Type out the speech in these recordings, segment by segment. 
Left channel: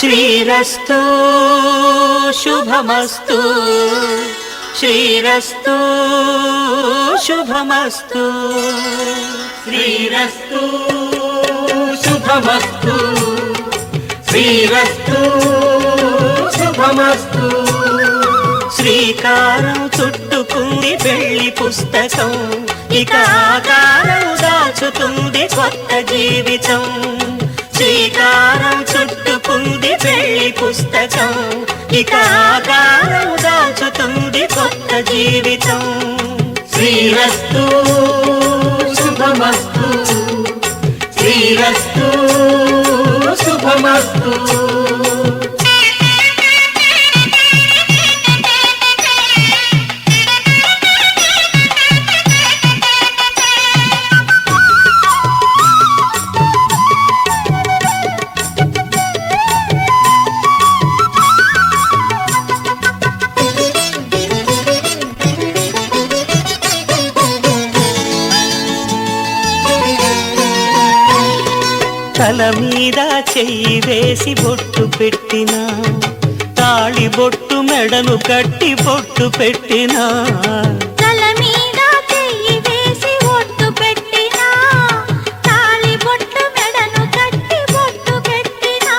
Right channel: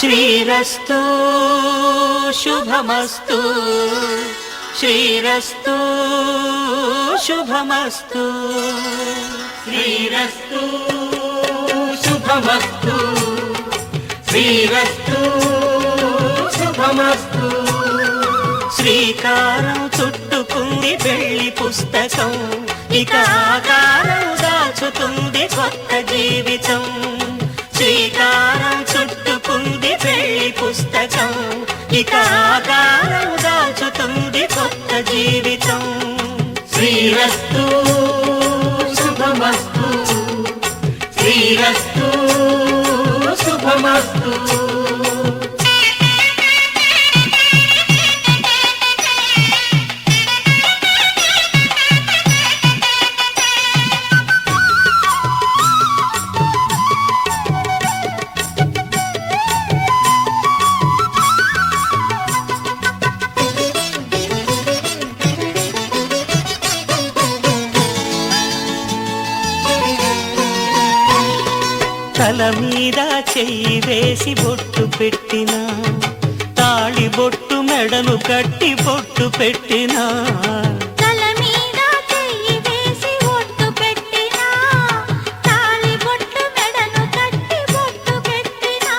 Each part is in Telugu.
శ్రీరస్తు శుభమస్తు శ్రీరస్తు శుభమస్తు శ్రీరస్తు శుభమస్తు శ్రీరస్తు శుభమస్తు శ్రీకారం చుట్టుకుంది పెళ్లి పుస్తకం ఇక ఆకారం దాచుతుంది కొత్త జీవితం శ్రీకారం చుట్టుకుంది పెళ్లి పుస్తకం ఇక ఆకారం దాచుతుంది కొత్త జీవితం శ్రీరస్తు శుభమస్తు శ్రీరస్తు శుభమస్తు తల మీద చెయ్యి వేసి బొట్టు పెట్టినా తాళి బొట్టు మెడను కట్టి బొట్టు పెట్టినా తల మీద చెయ్యి వేసి బొట్టు పెట్టినా తాళి బొట్టు మెడను కట్టి బొట్టు పెట్టినా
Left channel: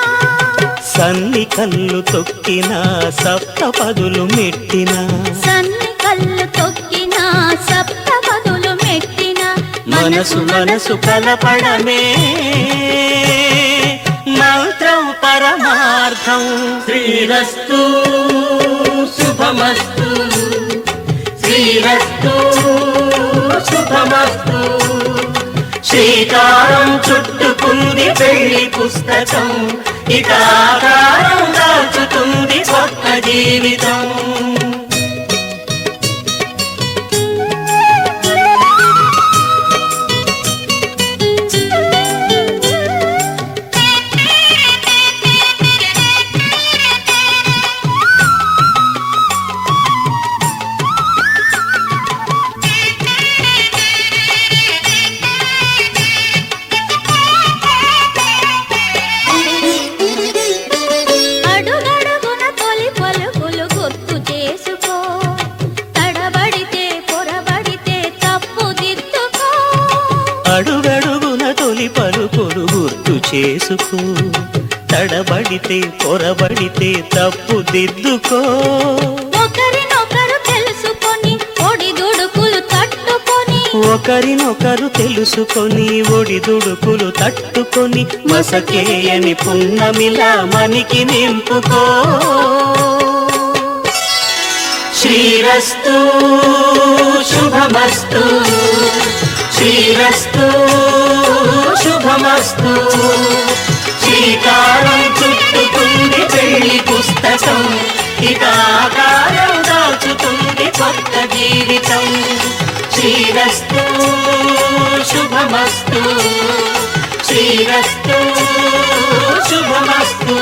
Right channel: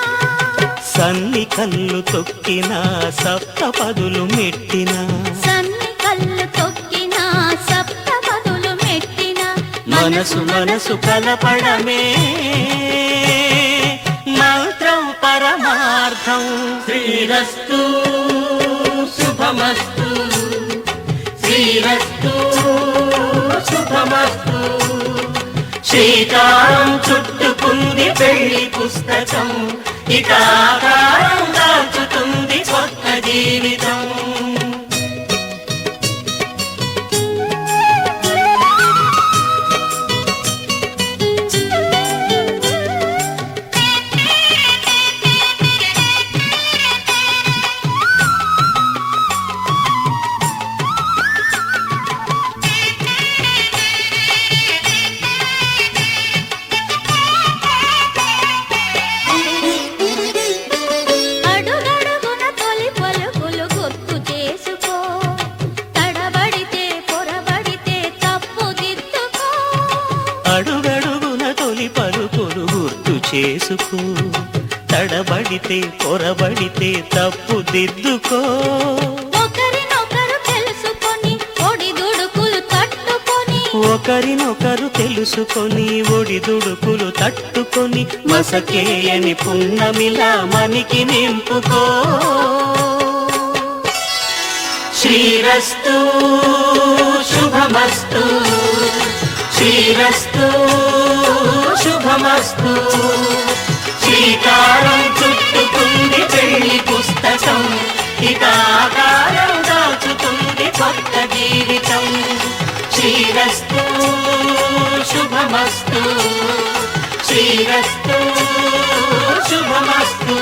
సన్ని కళ్ళు తొక్కినా సప్తపదులు మెట్టినా సన్ని కళ్ళు తొక్కినా సప్తపదులు మెట్టినా మనసు మనసు కలపడమే మంత్రం పరమార్థం శ్రీరస్తు శుభమస్తు శ్రీరస్తు శుభమస్తు శ్రీకారం చుట్టుకుంది పెళ్లి పుస్తకం ఇక ఆకారం దాచుతుంది కొత్త జీవితం అడుగడుగున తొలి పలుకులు గుర్తు చేసుకో తడబడితే పొరబడితే తప్పు దిద్దుకో ఒకరినొకరు తెలుసుకొని ఒడిదుడుకులు తట్టుకొని ఒకరినొకరు తెలుసుకొని ఒడిదుడుకులు తట్టుకొని మసకేయని పున్నమిలా మనికి నింపుకో శ్రీరస్తు శుభమస్తు శ్రీరస్తు శుభమస్తు శ్రీకారం చుట్టుకుంది పెళ్లి పుస్తకం ఇక ఆకారం దాచుతుంది కొత్త జీవితం శ్రీరస్తు శుభమస్తు శ్రీరస్తు శుభమస్తు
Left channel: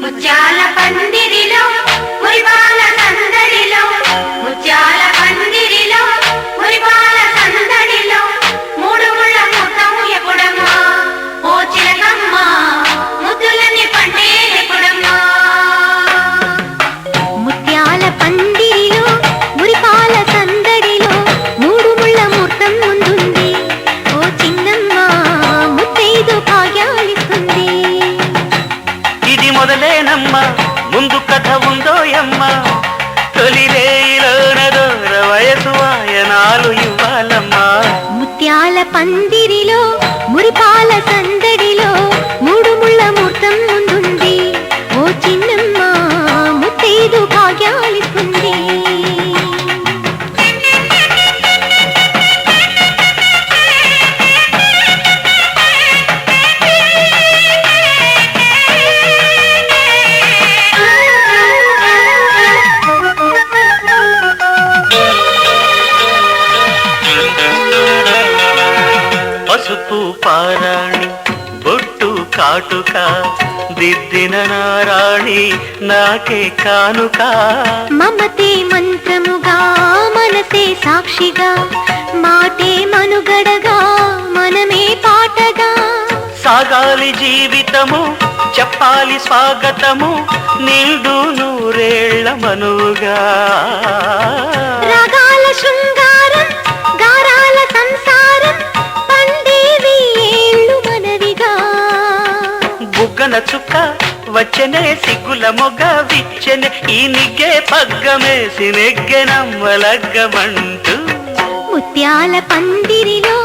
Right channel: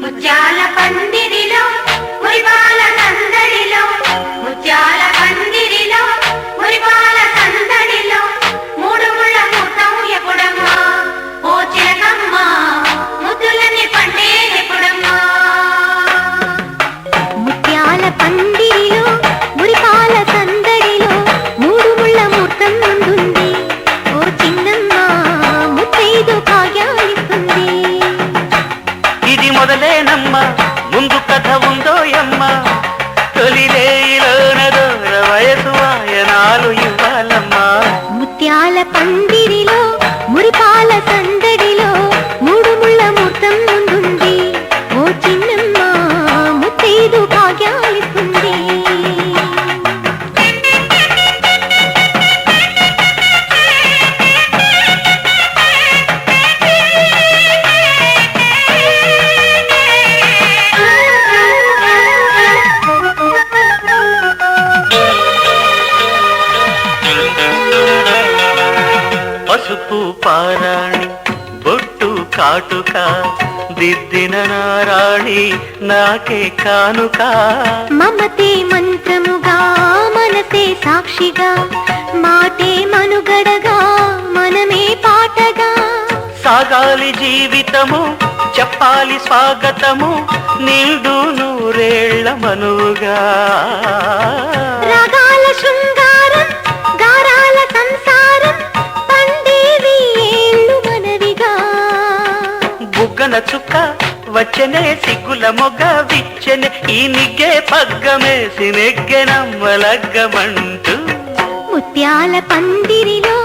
ముత్యాల పందిరిలో మురిపాల సందడిలో ముత్యాల పందిరిలో మురిపాల సందడిలో మూడు ముళ్ళ ముఖం ఎప్పుడమ్మా ఓ చిలకమ్మ ముద్దులని పండే ఎప్పుడమ్మా ముత్యాల పందిరిలో మురిపాల సందడిలో మూడు ముళ్ళ ముఖం ముందుంది ఓ చిన్నమ్మ ముత్తైదు భాగ్యాలిస్తుంది ఇది మొదలేనమ్మా ముందు కథ ఉందోయమ్మా తొలిరేయిలోన దూర వయసు వాయనాలు ఇవ్వాలమ్మా ముత్యాల పందిరిలో మురిపాల సందడిలో మూడు ముళ్ళ ముహూర్తం ముందుంది ఓ చిన్నమ్మ ముత్తైదు భాగ్యాలిస్తుంది పసుపు పారాణి బొట్టు కాటుక దిద్దిన నారాణి నాకే కానుక మమతే మంత్రముగా మనతే సాక్షిగా మాటే మనుగడగా మనమే పాటగా సాగాలి జీవితము చెప్పాలి స్వాగతము నిండు నూరేళ్ల మనువుగా రాగాల శృంగారం గారాల సంసారం పండేవి ఏళ్ళు మనవిగా బుగ్గన చుక్క వచ్చనే సిగ్గుల మొగ విచ్చెన ఈ నిగ్గే పగ్గమేసి నెగ్గెనమ్మలగ్గమంటూ ముత్యాల పందిరిలో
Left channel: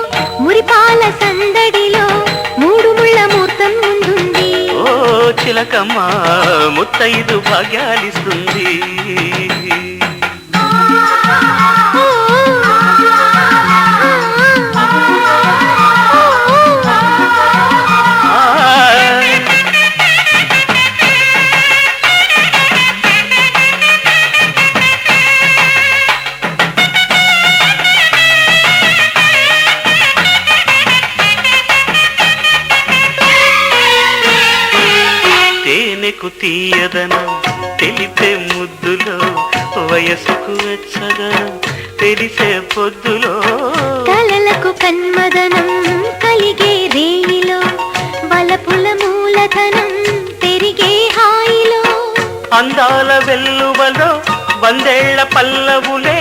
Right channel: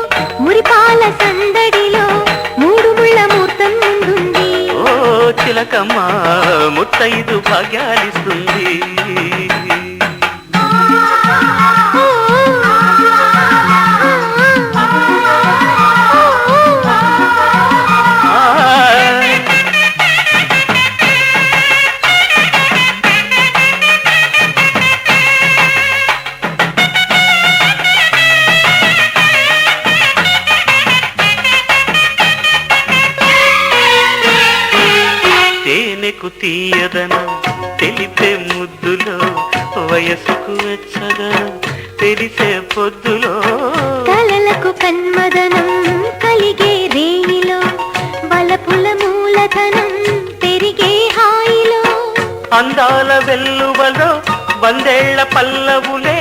మురిపాల సందడిలో మూడు ముళ్ళ ముహూర్తం ముందుంది ఓ చిలకమ్మ ముత్తైదు భాగ్యాలిస్తుంది తేనెకు తీయదనం తెలిపే ముద్దులో వయసుకు వెచ్చదనం తెలిసే పొద్దులో కలలకు కన్మదనం కలిగే రేణిలో వలపుల మూలధనం పెరిగే హాయిలో అందాల వెల్లువలో వందేళ్ల పల్లవులే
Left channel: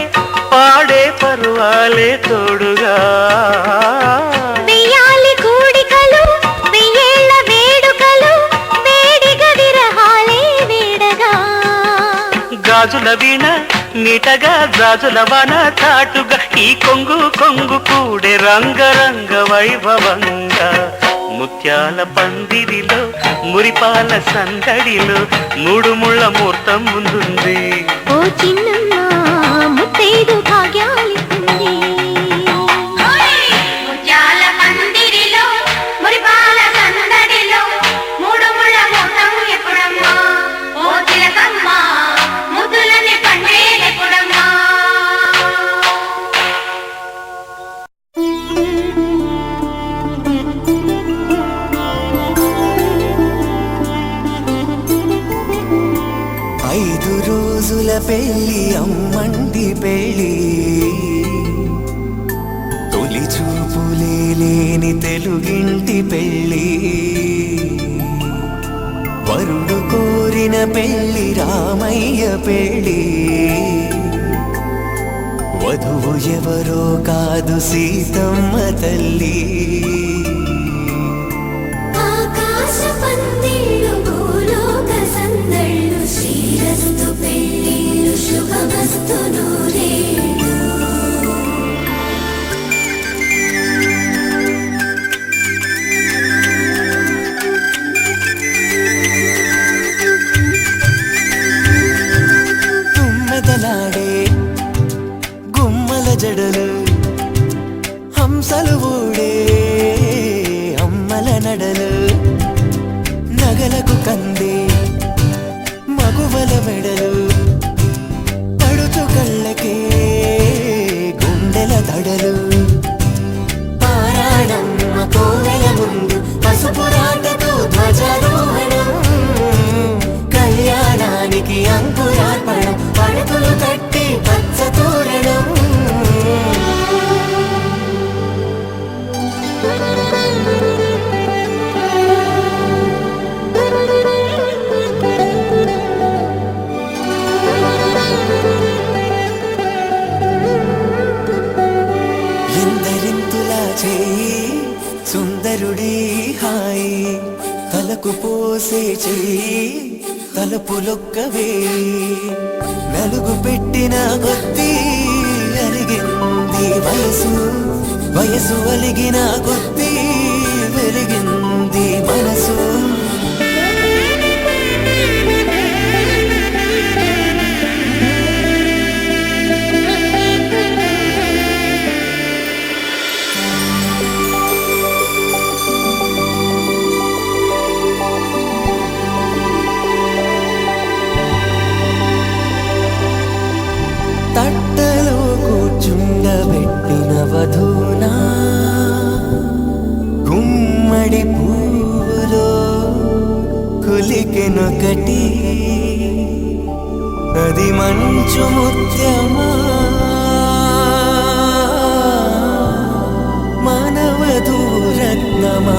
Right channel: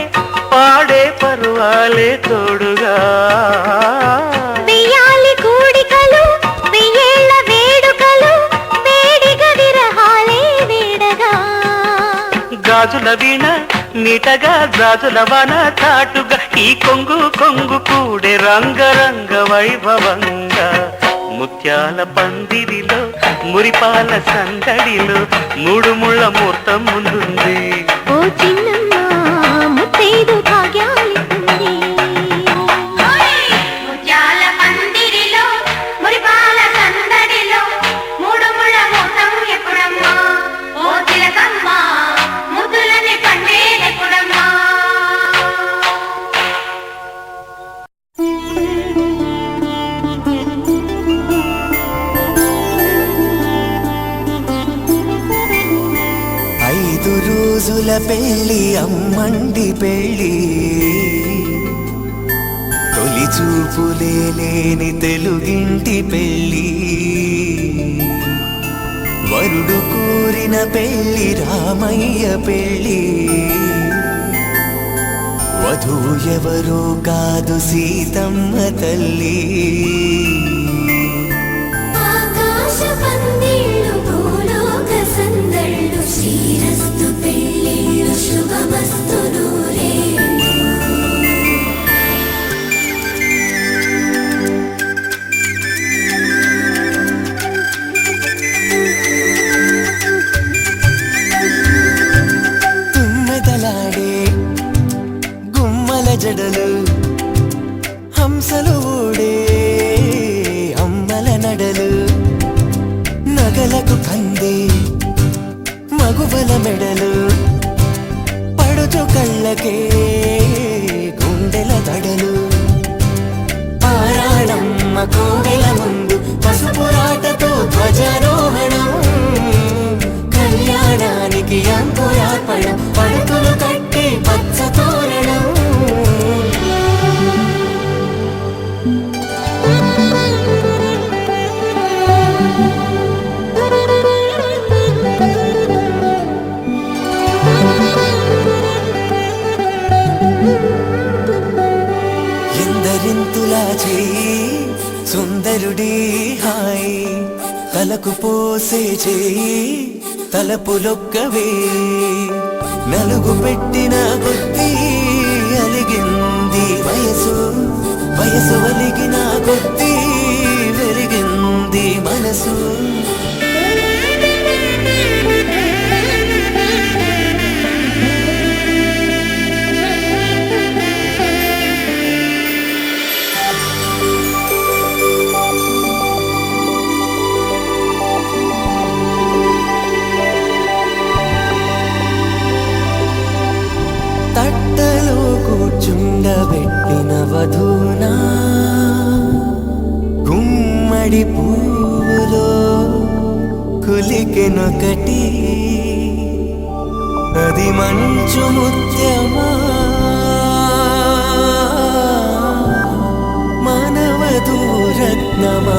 పాడే పరువాలే తోడుగా వెయ్యాలి కూడికలు వెయ్యేళ్ళ వేడుకలు వేడిగ విరహాలే వేడగా గాజుల వీణ నీటగా గాజుల వన చాటుగా ఈ కొంగు కొంగు కూడే రంగరంగ వైభవంగా ముత్యాల పందిరిలో మురిపాల సందడిలో మూడు ముళ్ళ ముహూర్తం ముందుంది ఓ చిన్నమ్మ ముత్తైదు భాగ్యాలిస్తుంది ముత్యాల పందిరిలో మురిపాల సందడిలో మూడు ముళ్ళ ముహూర్తం ఎప్పుడమ్మా ఓ తిలకమ్మ ముద్దులని పండేదెప్పుడమ్మా ఐదు రోజుల పెళ్ళి అమ్మండి పెళ్ళి తొలి చూపులే లేని తెలుగింటి పెళ్ళి వరుడు కోరిన పెళ్ళి రామయ్య పెళ్ళి వధువు ఎవరో కాదు సీతమ్మ తల్లి ఆకాశ పందిళ్ళు భూలోక సందళ్ళు శ్రీరస్తు పెళ్ళిళ్ళు శుభమస్తు నూరేళ్ళు తుమ్మెదలాడే గుమ్మల జడలు హంసలు ఊడే తలపులొక్కవే నలుగు పెట్టిన కొద్దీ అలిగింది వయసు వయసు ఒలిగిన కొద్దీ వెలిగింది మనసు తట్టలో కూర్చుండబెట్టిన వధూనా గుమ్మడి పువ్వులో కులికెనొకటి అది మంచు ముత్యమా మానవధూరత్నమా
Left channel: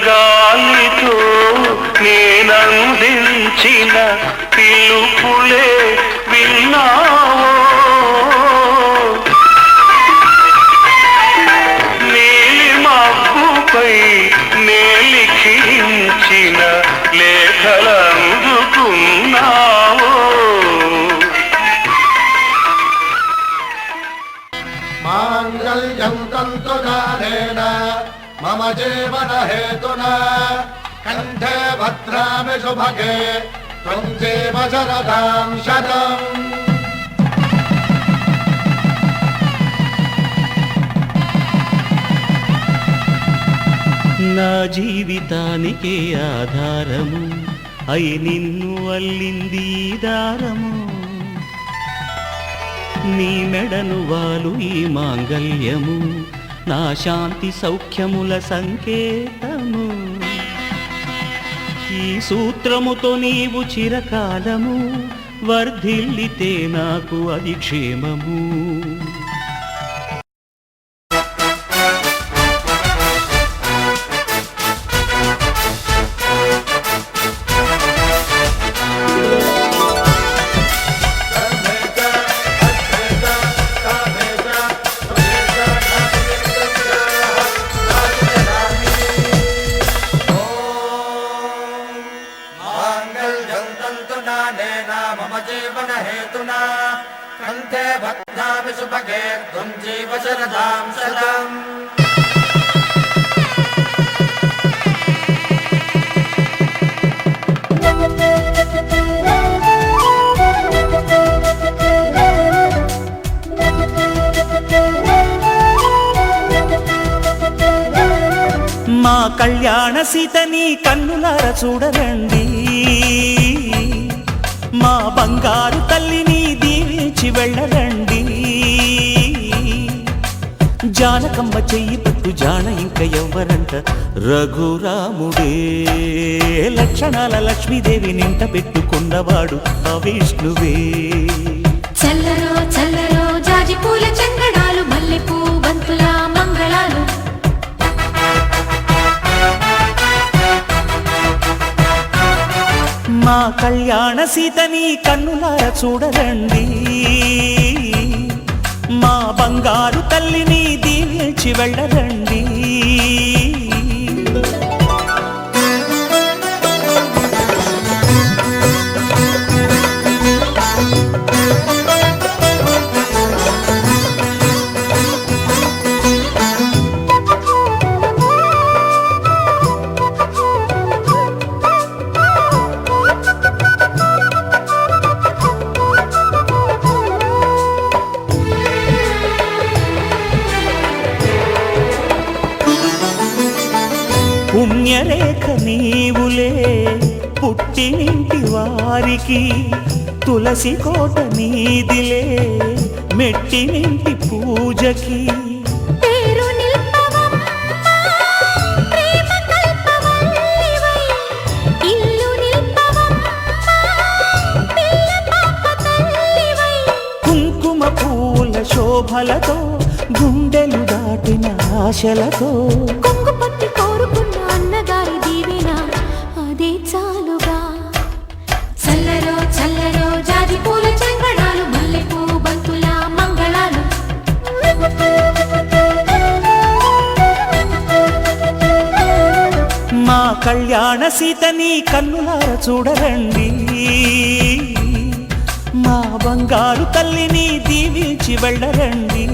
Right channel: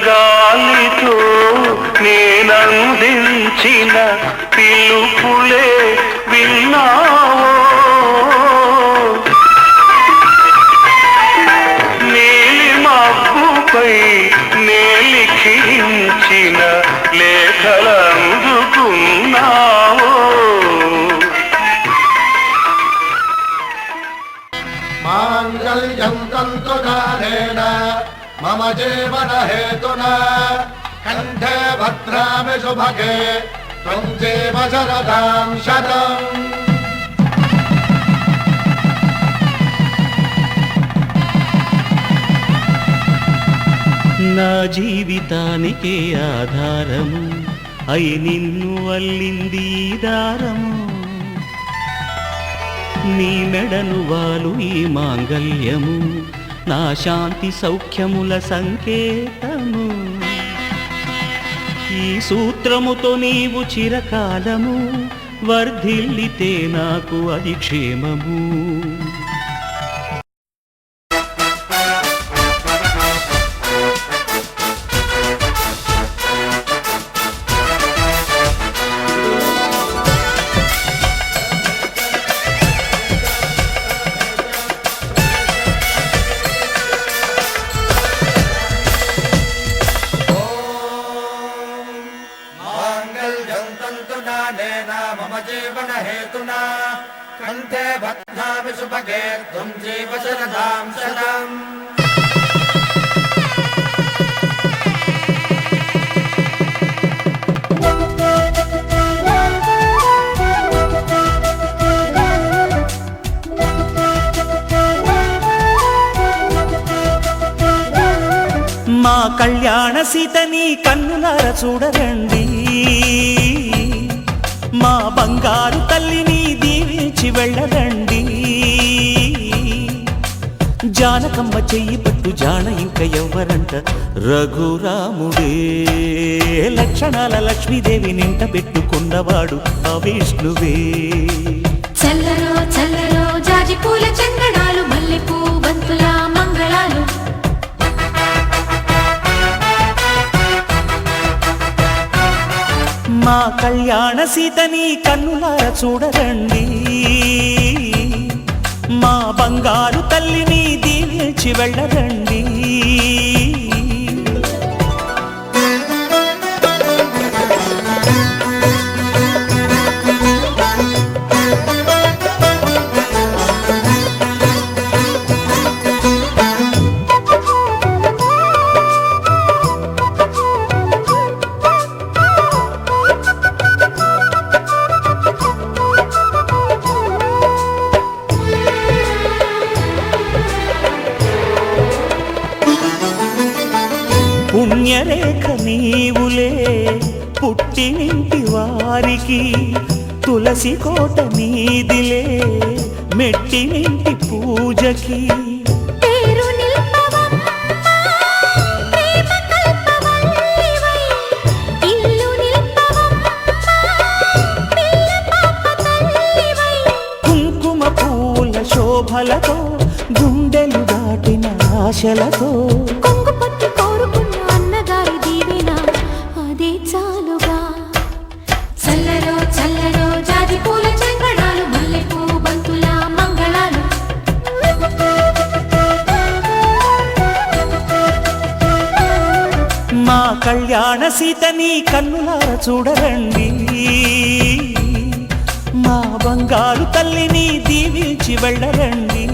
గాలితో నేనందించిన పిలుపులే విన్నావో నీలి మబ్బుపై నేలిఖించిన లేఖలందుకున్నావో మాంగళ్యం తంతునానేన మమ జీవన హేతునా కంఠే భద్రామి శుభగే త్వం జీవ శరదాం శతం. నా జీవితానికి ఆధారము అయి నిన్ను అల్లింది ఈ దారము. నీ మెడను వాలు ఈ మాంగల్యము నా శాంతి సౌఖ్యముల సంకేతము. ఈ సూత్రముతో నీవు చిరకాలము వర్ధిల్లితే నాకు అది క్షేమము. మాంగళ్యం తంతునానేన మమ జీవన హేతునా కంఠే భద్రామి శుభగే త్వం జీవ శరదాం శతం. మా కళ్యాణ సీతని కన్నులార చూడరండి, మా బంగారు తల్లిని దీవించి వెళ్ళరండి. జానకమ్మ చెయ్యి పట్టు జాన ఇంక ఎవ్వరంట, రఘురాముడే లక్షణాల లక్ష్మీదేవి నింట పెట్టుకున్నవాడు ఆ విష్ణువే. చల్లరో చల్లరో జాజి పూల చందనాలు మల్లెపూ బంతుల మంగళాలు. మా కళ్యాణ సీతని కన్నులార చూడరండి, మా బంగారు తల్లిని దీవించి వెళ్ళరండి. పుణ్యరేఖ నీవులే పుట్టినింటి వారికి, తులసి కోట నీదిలే మెట్టినింటి పూజకి. పేరు నిల్పవమ్మా ప్రేమ కల్పవల్లివై, ఇల్లు నిల్పవమ్మా పిల్ల పాప తల్లివై. కుంకుమ పూల శోభలతో గుండెలు దాటిన ఆశలతో, కొంగు పట్టి కోరుకున్న అన్నగారి దీవెన అదే చాలుగా. చల్లరో చల్లరో జాజి పూల చంగడాలు మల్లెపూ బంతుల మంగళాలు. మా కళ్యాణ సీతని కన్నులార చూడరండి, మా బంగారు తల్లిని దీవించి వెళ్ళరండి.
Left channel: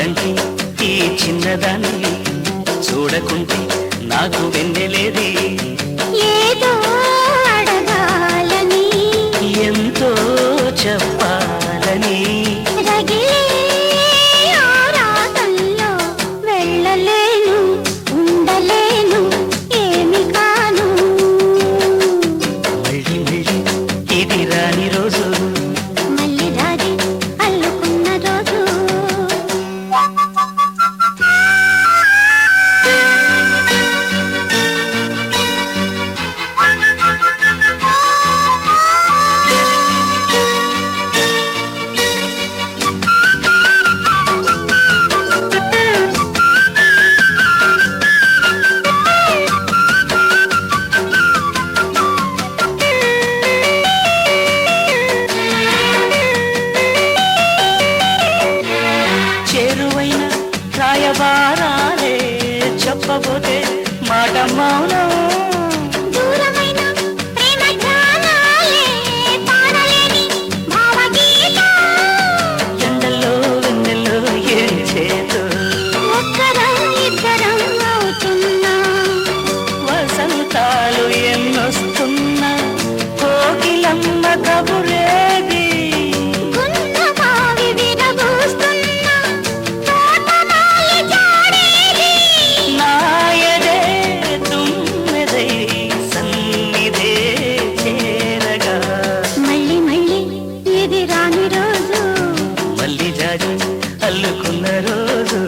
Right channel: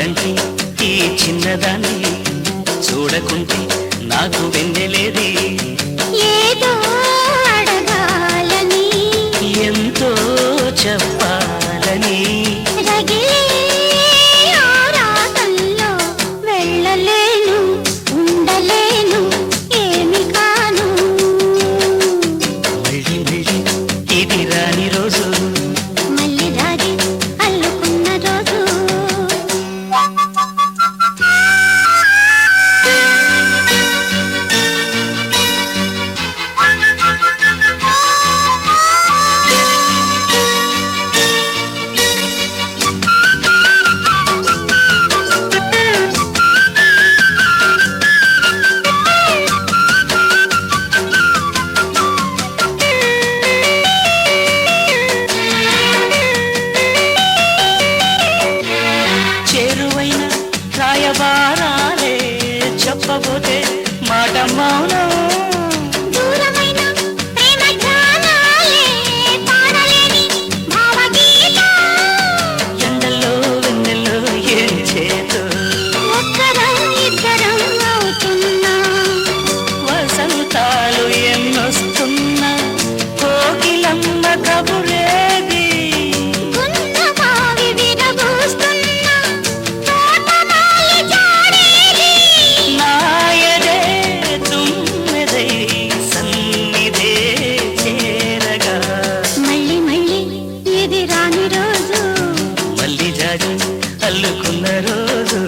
జాబిలంటే ఈ చిన్నదాన్ని చూడకుంటే నాకు వెన్నెలేది ఏదో అడగాలని ఎంతో చెప్పాలని రగిలే ఆరాటంలో వెళ్ళలేను ఉండలేను ఏమి కాను మళ్ళీ మళ్ళీ ఇది రాని రోజు మళ్ళీ రాజీ అల్లుకున్న రోజు చేరువైన రాయబారాలే చెప్పబోతే మాట మౌనం దూరమైన ప్రేమ ధ్యానాలే పాడలేని భావగీతం ఎండల్లో వెన్నెల్లో ఏం చేతో ఒక్కరం ఇద్దరం అవుతున్నా వసంతాలు ఎన్నొస్తున్నా కోకిలమ్మ కబురేది గున్నమావి విరబూస్తున్నా తోటమాలి జాడేది నాయదే తుమ్మెదై సన్నిధే చేరగా మళ్ళీ మళ్ళీ ఇది రాని రోజు మళ్ళీ జాజి అల్లుకున్న రోజు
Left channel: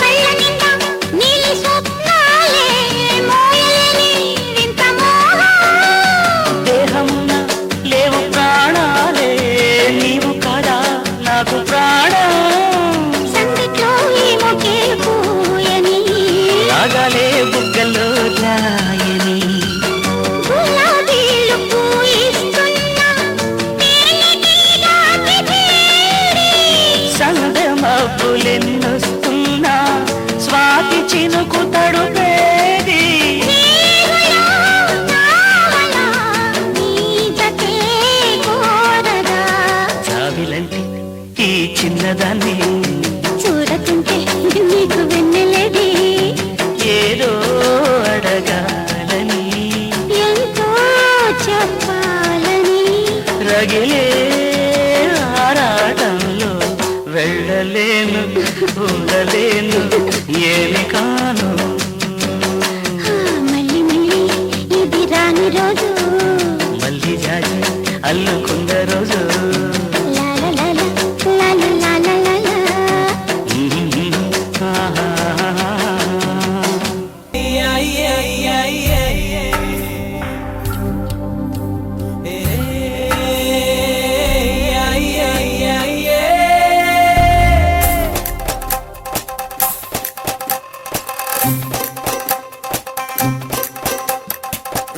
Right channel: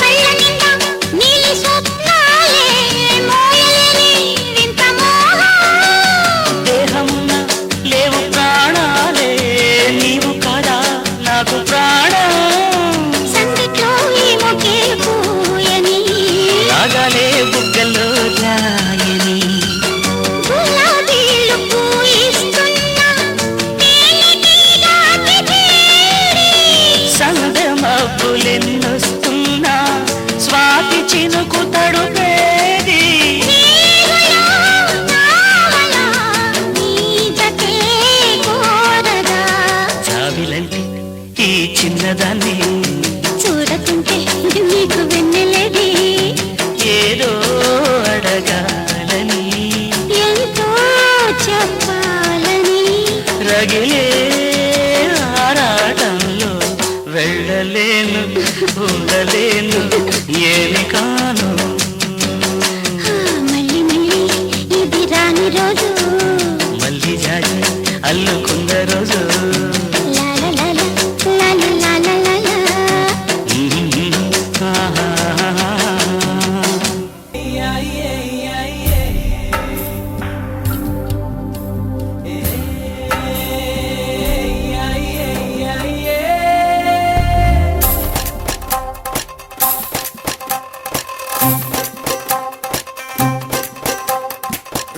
కళ్ళ నిండా నీలి స్వప్నాలే మోయలేని వింత మోహం దేహమున లేవు ప్రాణాలే నీవు కదా నాకు ప్రాణం సందిట్లో ఏమో కేకూయని రాగాలే బుగ్గల్లో రాయని గులాబీలు పూయిస్తున్నా తేలికగా తిరిగి సందె మబ్బులెన్నొస్తున్నా స్వాతి చినుకు తడుపేది జాబిలంటే ఈ చిన్నదాన్ని చూడకుంటే నీకు వెన్నెలేది ఏదో అడగాలని ఎంతో చెప్పాలని రగిలే ఆరాటంలో వెళ్ళలేను ఉండలేను ఏమి కాను మళ్ళీ మళ్ళీ ఇది రాని రోజు మళ్ళీ జాజి అల్లుకున్న రోజు లాల లాల లాల లాల లాల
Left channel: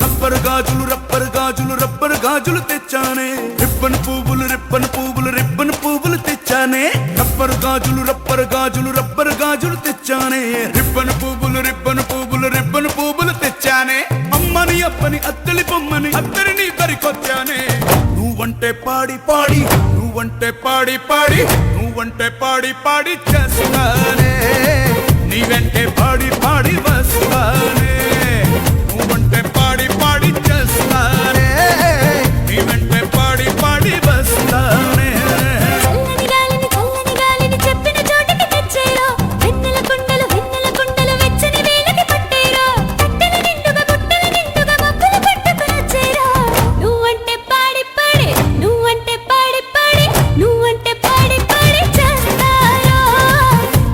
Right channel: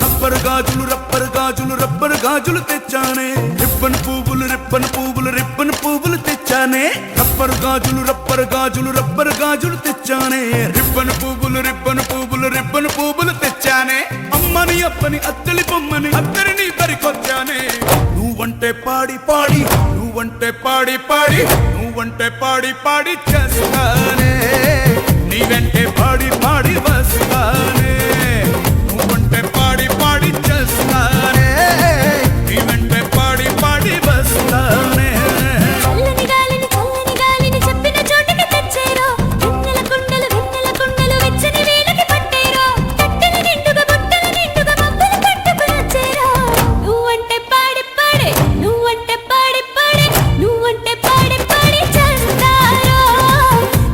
రబ్బరు గాజులు రబ్బరు గాజులు రబ్బరు గాజులు తెచ్చానే రిబ్బన్ పువ్వులు రిబ్బన్ పువ్వులు రిబ్బన్ పువ్వులు తెచ్చానే రబ్బరు గాజులు రబ్బరు గాజులు రబ్బరు గాజులు తెచ్చానే రిబ్బన్ పువ్వులు రిబ్బన్ పువ్వులు రిబ్బన్ పువ్వులు తెచ్చానే అమ్మని అప్పని అత్తలి బొమ్మని అత్తరిని దరికొచ్చానే నువ్వంటే పాడి పాడి నువ్వంటే పాడి పాడి నువ్వంటే పాడి పాడి చేస్తానే నీ వెంటే పాడి పాడి వస్తానే నువ్వంటే పాడి పాడి చేస్తానే నీ వెంటే పాడి పాడి వస్తానే చల్లని గాలిని చెప్పిన చోటికి తెచ్చేరా వెన్నెల కుండలు వెచ్చని వేళకి పట్టేరా పట్టని నిండుగా మబ్బులు కట్టుకునొచ్చేరా నువ్వంటే పాడి పాడి నువ్వంటే పాడి పాడి నువ్వంటే పాడి పాడి చేస్తారా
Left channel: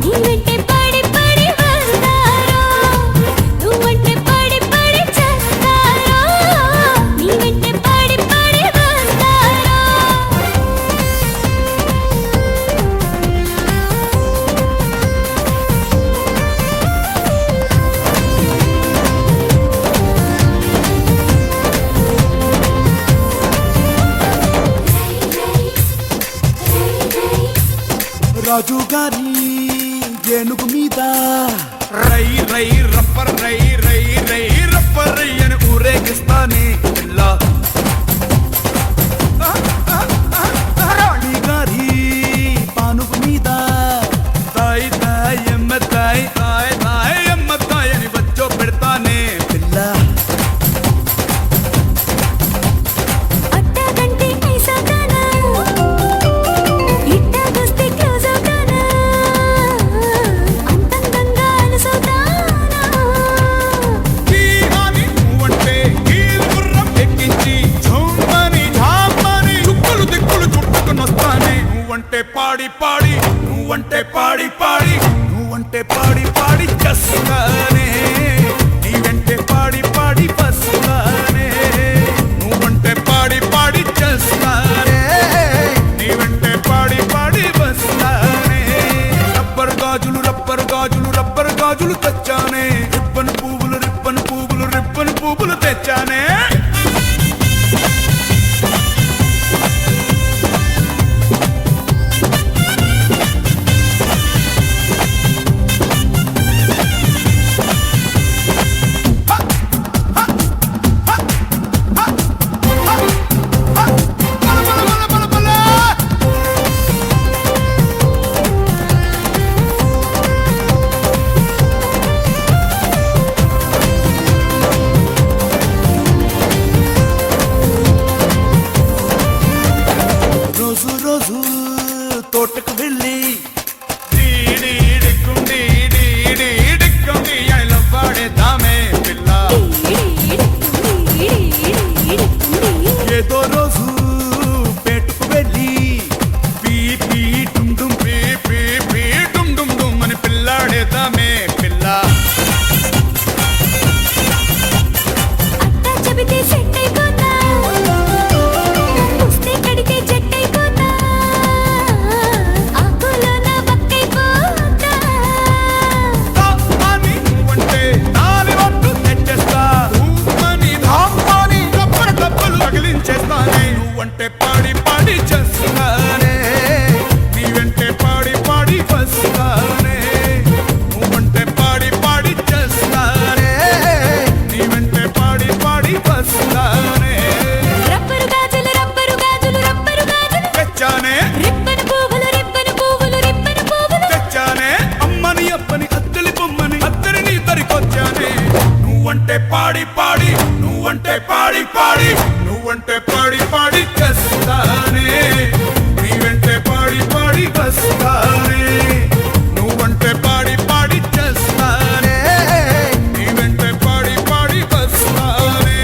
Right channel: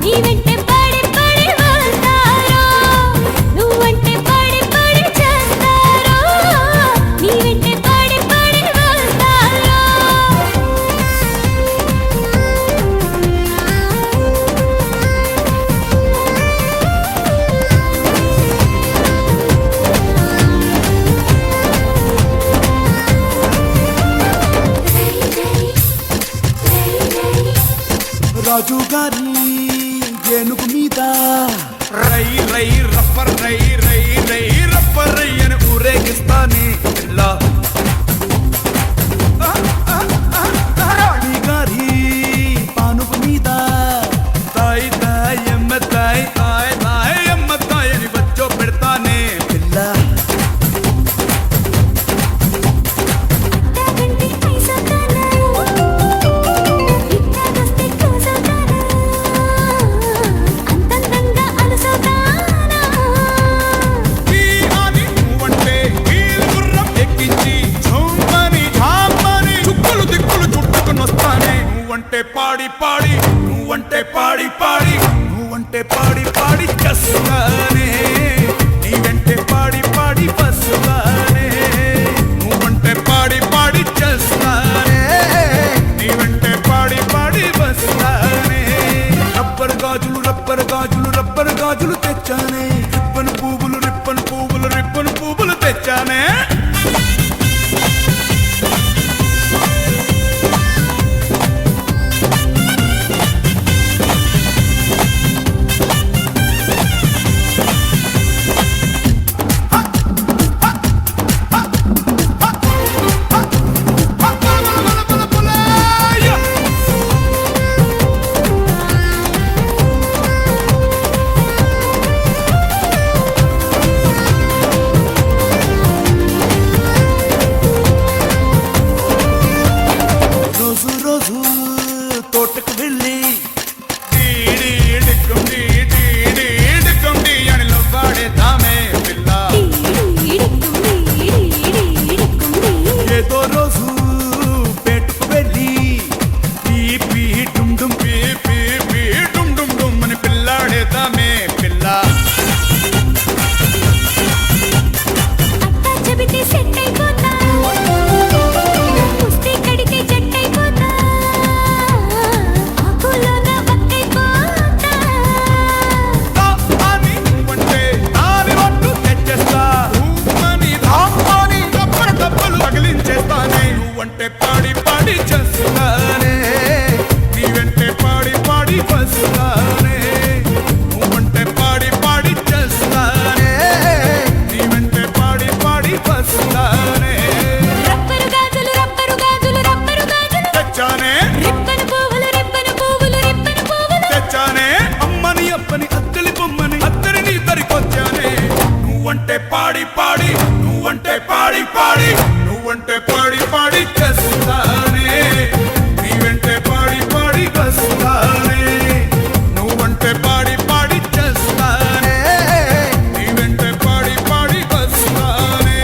నీ వెంటే పాడి పాడి వస్తారా నువ్వంటే పాడి పాడి చేస్తారా నీ వెంటే పాడి పాడి వస్తారా రాజు గారి ఏనుగు మీద రై రై రప్పర్ రై రై రై రప్పర్ రై అని ఊరేగిస్తానే పిల్ల రాణి గారి పానుగు మీద తాయి తాయి ఎమ్మ తాయి తాయి తాయి ఎమ్మ తాయి అని వచ్చో పెడతానే పిల్ల నువ్వంటే పాడి పాడి నువ్వంటే పాడి పాడి నువ్వంటే పాడి పాడి చస్తానే నీ వెంటే పాడి పాడి వస్తానే నువ్వంటే పాడి పాడి చస్తానే నీ వెంటే పాడి పాడి వస్తానే రబ్బర్ గాజులు రబ్బర్ గాజులు రబ్బర్ గాజులు తెచ్చానే రిబ్బన్ పువ్వులు రిబ్బన్ పువ్వులు రిబ్బన్ పువ్వులు తెచ్చానే రోజు రోజు తోటకు వెళ్ళి పాడేద్దామే పిల్ల ఏదో రోజు పేటుకు వెళ్ళి అని పిల్లాడేద్దామే పిల్ల నువ్వంటే పాడి పాడి చేస్తానే నీ వెంటే పాడి పాడి వస్తానే నువ్వంటే పాడి పాడి చేస్తానే నీ వెంటే పాడి పాడి వస్తానే తెచ్చానే తెచ్చానే అమ్మని అప్పని అత్తలి బొమ్మని అత్తరిని తరికొచ్చానే నువ్వంటే పాడి పాడి నువ్వంటే పాడి పాడి నువ్వంటే పాడి పాడి చేస్తానే నీ వెంటే పాడి పాడి వస్తానే నువ్వంటే పాడి పాడి చేస్తానే నీ వెంటే పాడి పాడి వస్తానే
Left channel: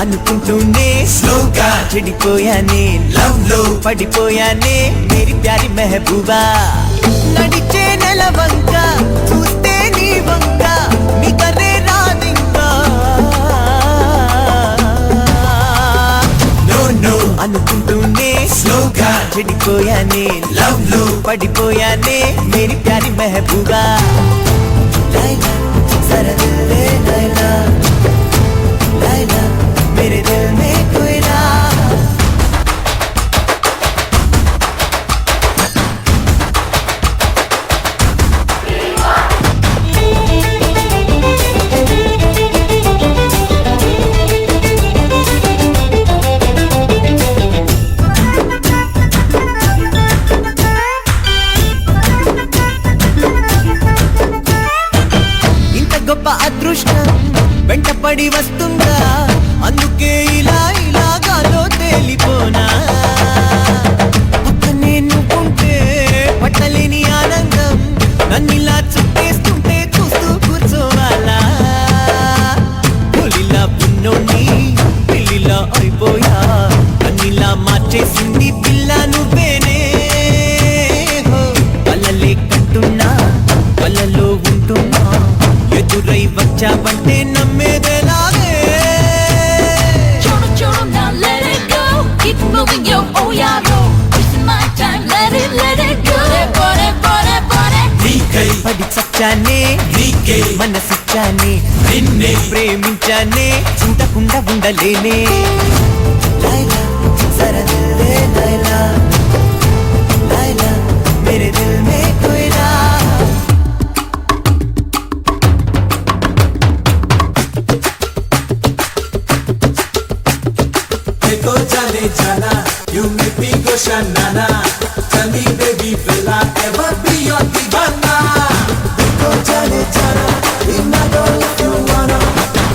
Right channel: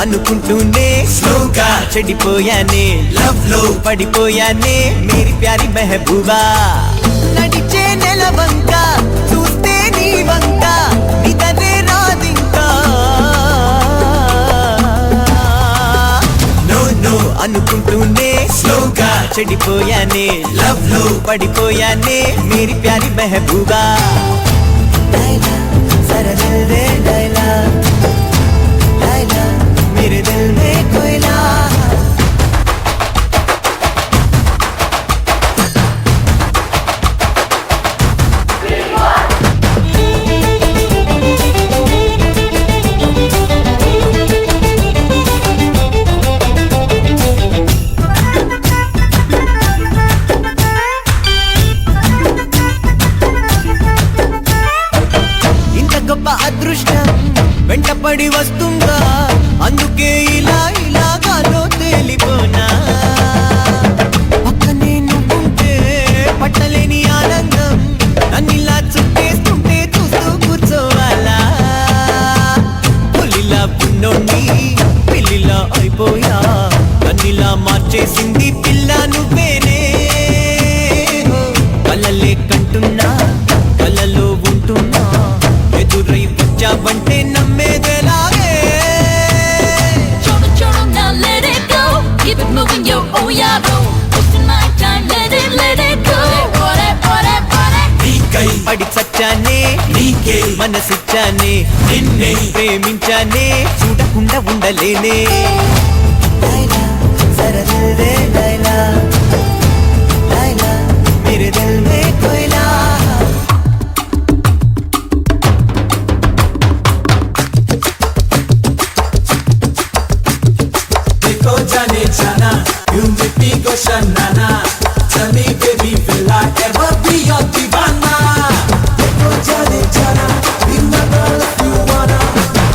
అనుకుంటూనే స్లోగా చెడిపోయానే లవ్ లో పడిపోయానే మేరీ ప్యారీ మెహబూబా నడిచే నెల వంక చూస్తే నీ వంక నిదలే రాదింకా నో నో అనుకుంటూనే స్లోగా చెడిపోయానే లవ్ లో పడిపోయానే మేరీ ప్యారీ మెహబూబా లైలా జరా దిల్ దే లైలా मेरे दिल में कोयला అయిపోయా నన్నిలా మార్చేసింది పిల్ల నువ్వేనే కళ్ళలే కట్టున్నా కళ్ళల్లో ఉంటున్నా ఎదురై వచ్చావంటే నమ్మేదేలాగే Choro, choro, now let it go. Keep it moving, yo, oh yeah, bro. Wasting my time, let it go. Party. నీకై పడి చచ్చానే నీకే మనసిచ్చానే నిన్నే ప్రేమించానే చూడకుండా ఉండలేనే లైలా జరా దిల్ దే లైలా లైలా మేరే దిల్ మే కోయిలా देखो जाने जाना you make me go shanana tell me baby will I ever be your divana देखो जाने जाना we never love you wanna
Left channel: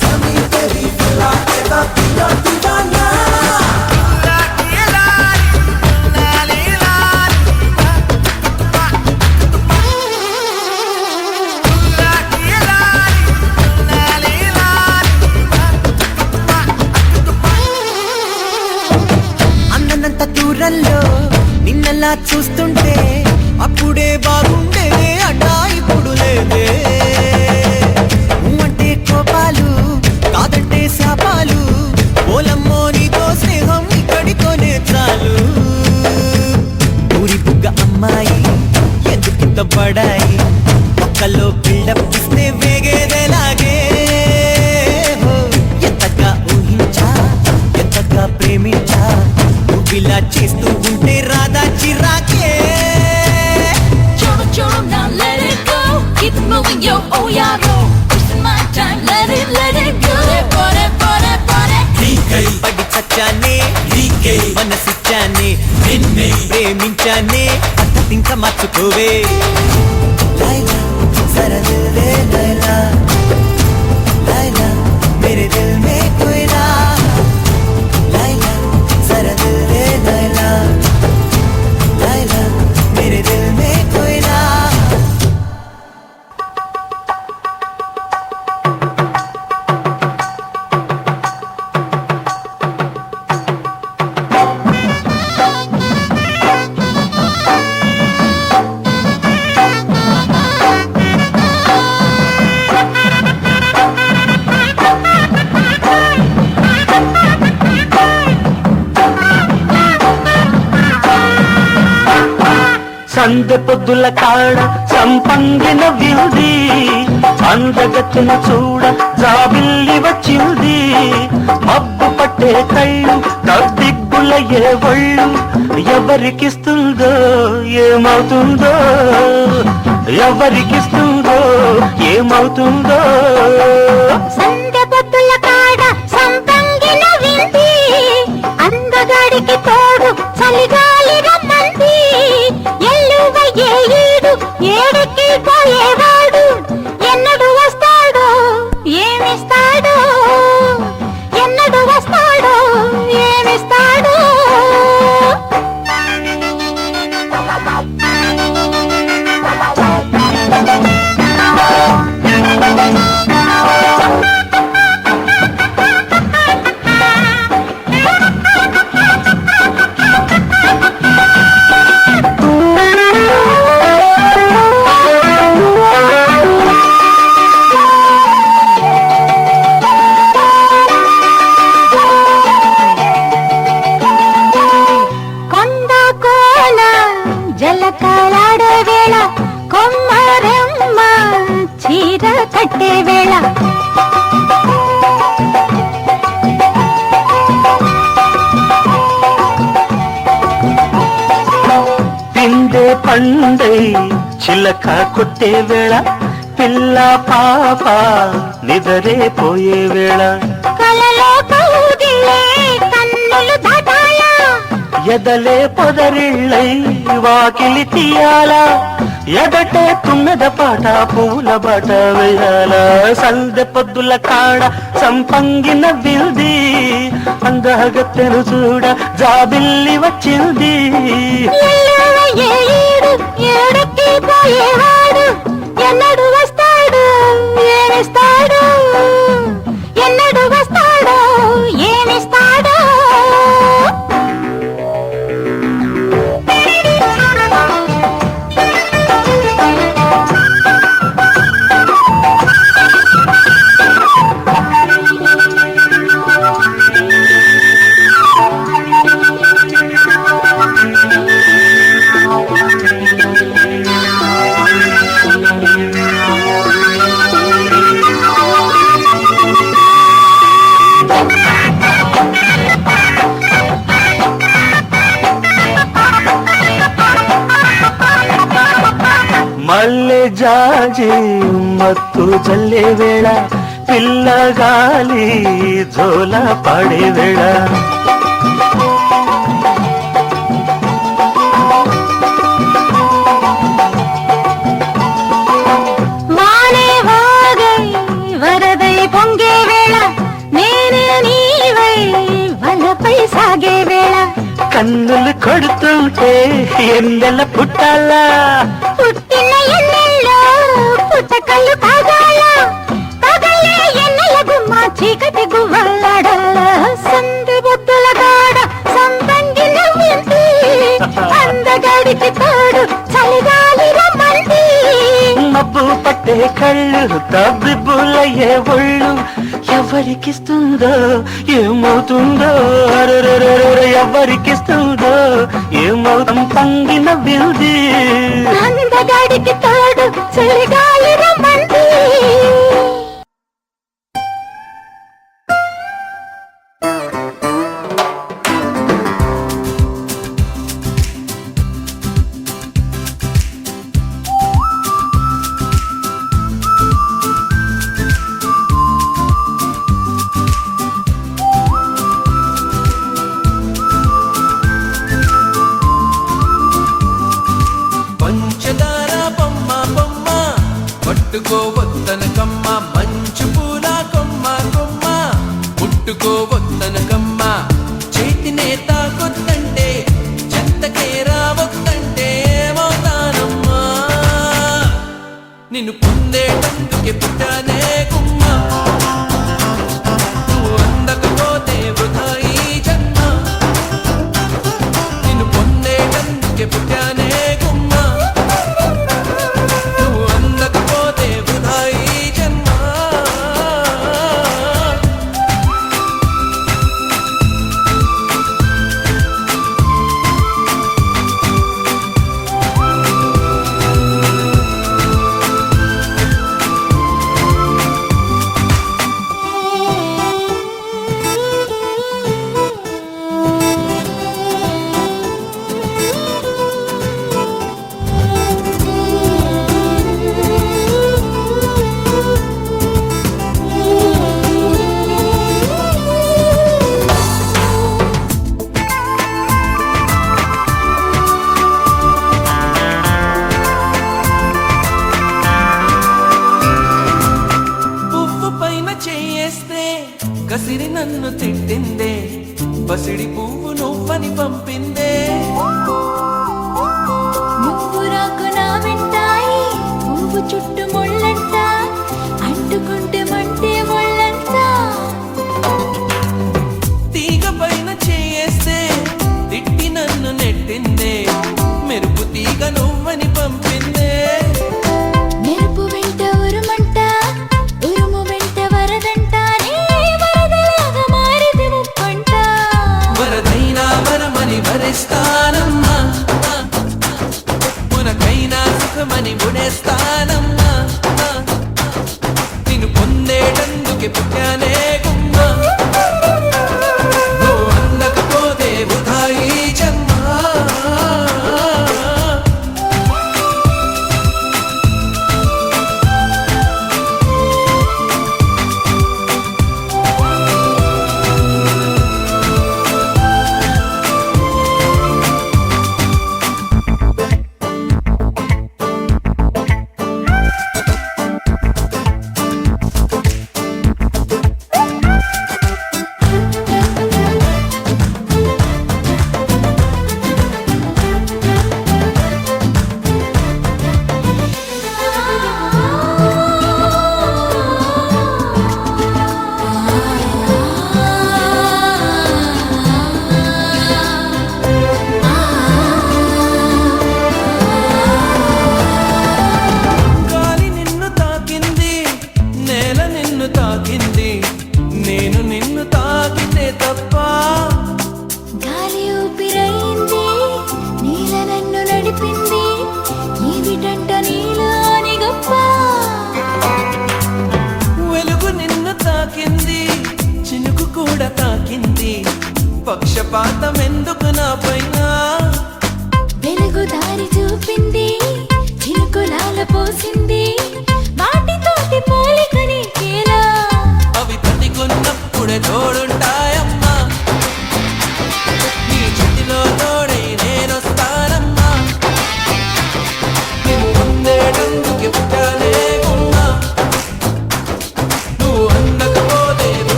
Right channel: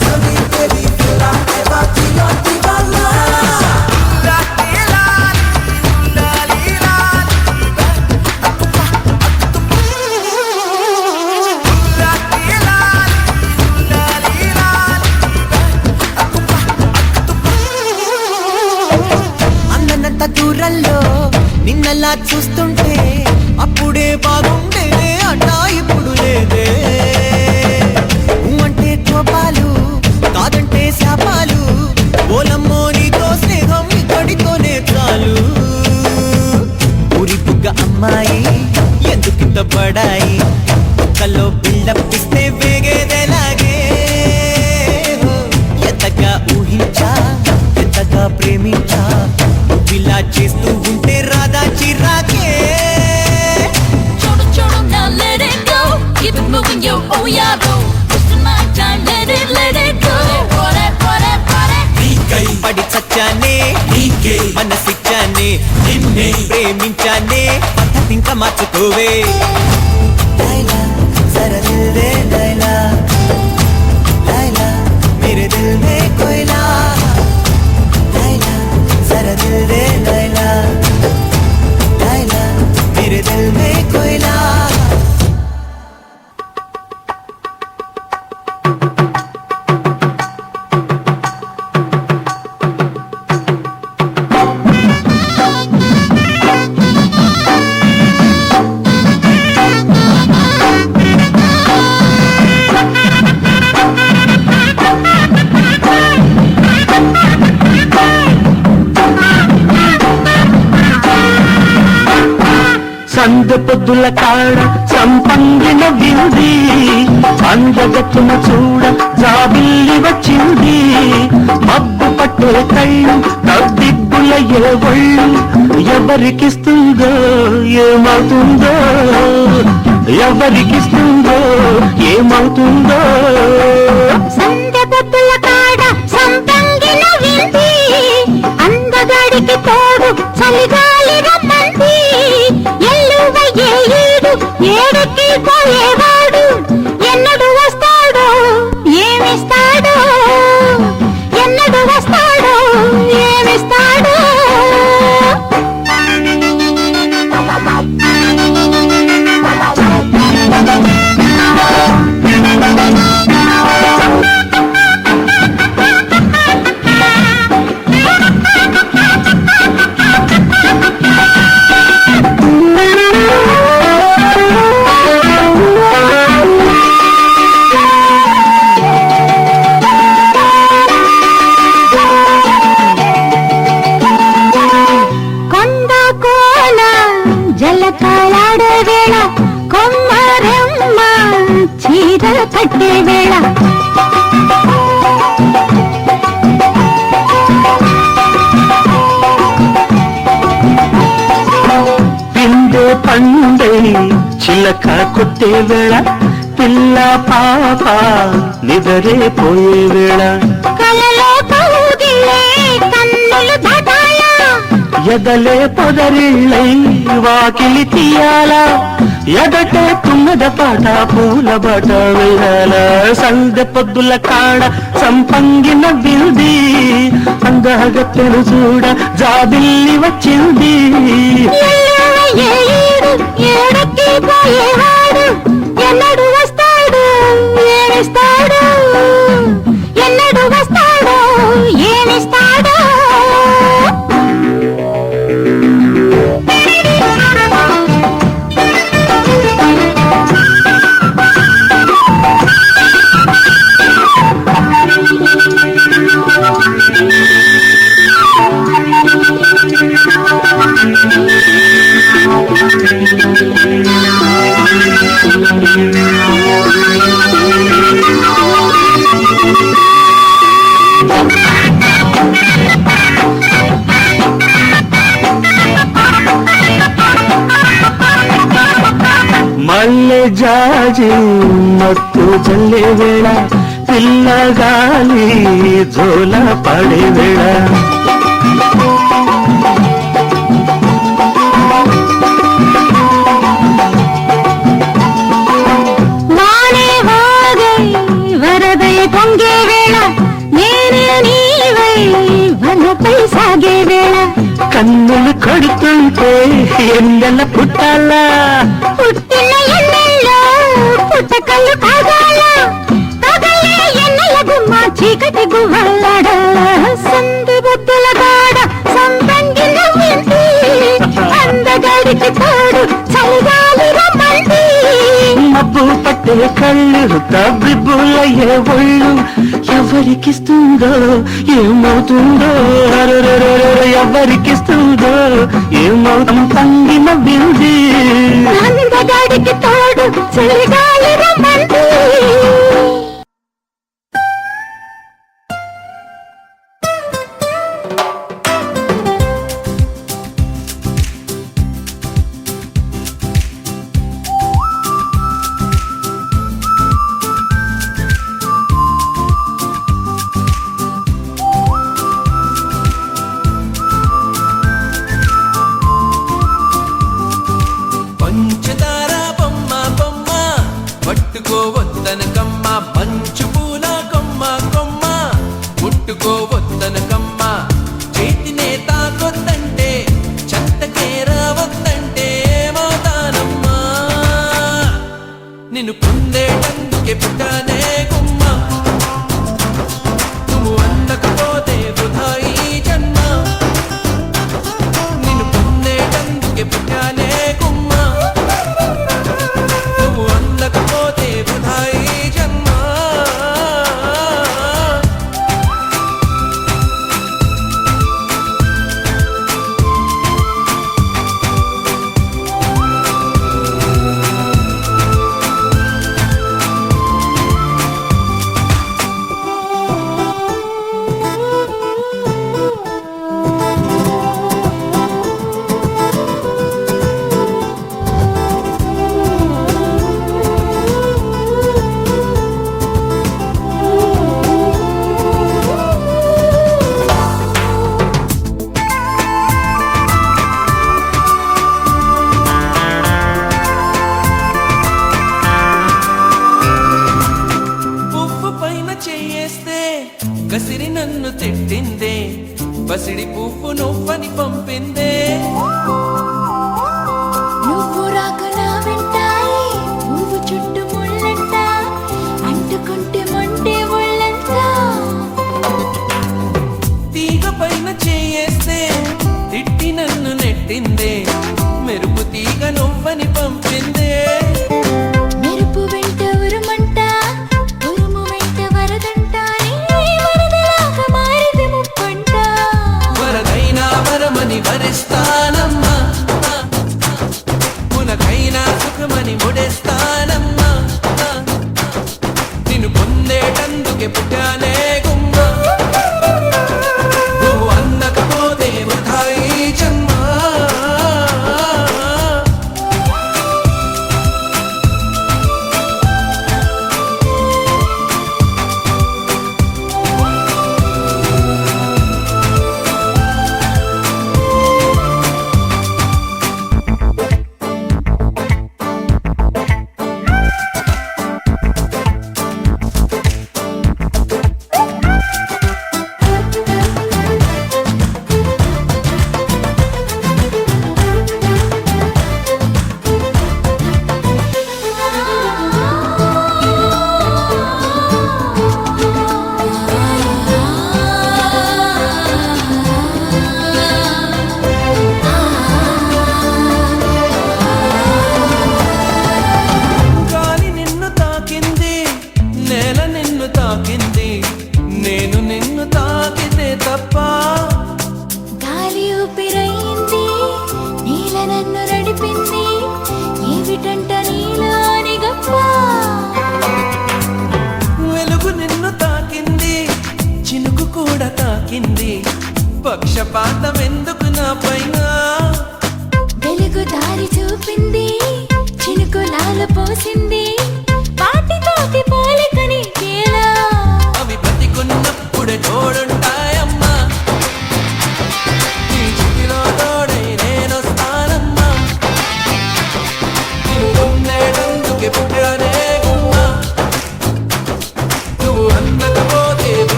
tell me baby will I ever be your divana అందనంత దూరంలో నిన్నలా చూస్తుంటే అప్పుడే బాగుండేనే అన్నా ఇప్పుడు లేదే అంటే కోపాలు కాదంటే శాపాలు ఓలమ్మో నీతో స్నేహం ఇక్కడితోనే చాలు ఊరి బుగ్గ అమ్మాయి ఎందుకింత పడాయి ఒక్కలో పిల్లపిస్తే వేగేదేలాగే ఎంతగా ఊహించా ఎంతగా ప్రేమించా నువ్విలా చేస్తూ ఉంటే రాదా చిరాకే Choro, now let it go. Keep it moving, yo, oh yeah, bro. Wasting my time, let it go. Party. నీకై పడి చచ్చానే నీకే మనసిచ్చానే నిన్నే ప్రేమించానే ఇంకా మార్చుకోవే లైలా జరా దిల్ దే లైలా లైలా మేరే దిల్ మే కోయిలా లైలా జరా దిల్ దే లైలా లైలా మేరే దిల్ మే కోయిలా సందె పొద్దుల కాడ సంపంగిన వింది అందగతిన చూడ జాబిల్లి వచ్చింది మబ్బు పట్టే కళ్ళు తద్దిగ్గుల ఏ ఒళ్ళు ఎవరికిస్తుందో ఏమవుతుందో ఎవరికిస్తుందో ఏమవుతుందో సందె పొద్దుల కాడ సంపంగిన వింది అందగాడికి తోడు చలిగాలి రమ్మంది ఎల్లువ ఏడు ఏడుకి పోయేవాడు ఎన్నడు వస్తాడో ఏమిస్తాడో ఎన్నడు వస్తాడో ఏమిస్తాడో కొండ కోన జలకాలాడే వేళ కొమ్మరమ్మ చీర కట్టే వేళ పిండే పండై చిలక కొట్టే వేళ పిల్ల పాప నిదరే పోయే వేళ కలలో కౌగిలే కన్నులు దాటాల ఎదలే పొదరిళ్ళై వాకిలి తీయాలా ఎదటే తుమ్మెద పాట పూల బాట వేయాల సందె పొద్దుల కాడ సంపంగిన విల్ది అందగత్తెను చూడ జాబిల్లి వచ్చింది ఏడుకి పోయేవాడు ఎన్నడు వస్తాడు ఏమిస్తాడు ఎన్నడు వస్తాడు ఏమిస్తాడు జాజి మత్తు జల్లే వేళ పిల్లగాలి జోల పడే వేళ మానే వాగై వరదై పొంగే వేళ నేనే నీవై వలపై సాగే వేళ కన్నులు కొడుతుంటే ఎండల పుట్టాలా పుట్టిన ఎన్నెల్లో పుట్టకళ్ళు కాగాల తగలే ఎన్నెల గుమ్మ చీకటి గువ్వలాడాల సంది బొద్దుల గాడ సంతంగి నవ్వింది అందగాడికి తోడు చలిగాలి రమ్మంది మబ్బు పట్టే కళ్ళు తబ్బిబ్బులయ్యే ఒళ్ళు ఎవరికిస్తుందో ఏమవుతుందో అరెరెరెరె ఎవరికిస్తుందో ఏమవుతాం పంగిన బిల్ది అందగాడికి తోడు చలిగాలి రమ్మంది పంచదార బొమ్మ బొమ్మ పట్టుకోవద్దనకమ్మ మంచు పూల కొమ్మ కొమ్మ ముట్టుకోవద్దనకమ్మ చేతినే తాకొద్దంటే చెంతకే రావద్దంటే ఏమవుతానమ్మా నిన్ను పొందేందుకే పుట్టానే గుమ్మ నువ్వు అందకపోతే వృధా ఈ జన్మ నిన్ను పొందేందుకే పుట్టానే గుమ్మ నువ్వు అందకపోతే వృధా ఈ జన్మ పువ్వు పైన చేస్తే కసిరి నన్ను తిట్టిందే బసిడి పువ్వు నువ్వని పంపిందే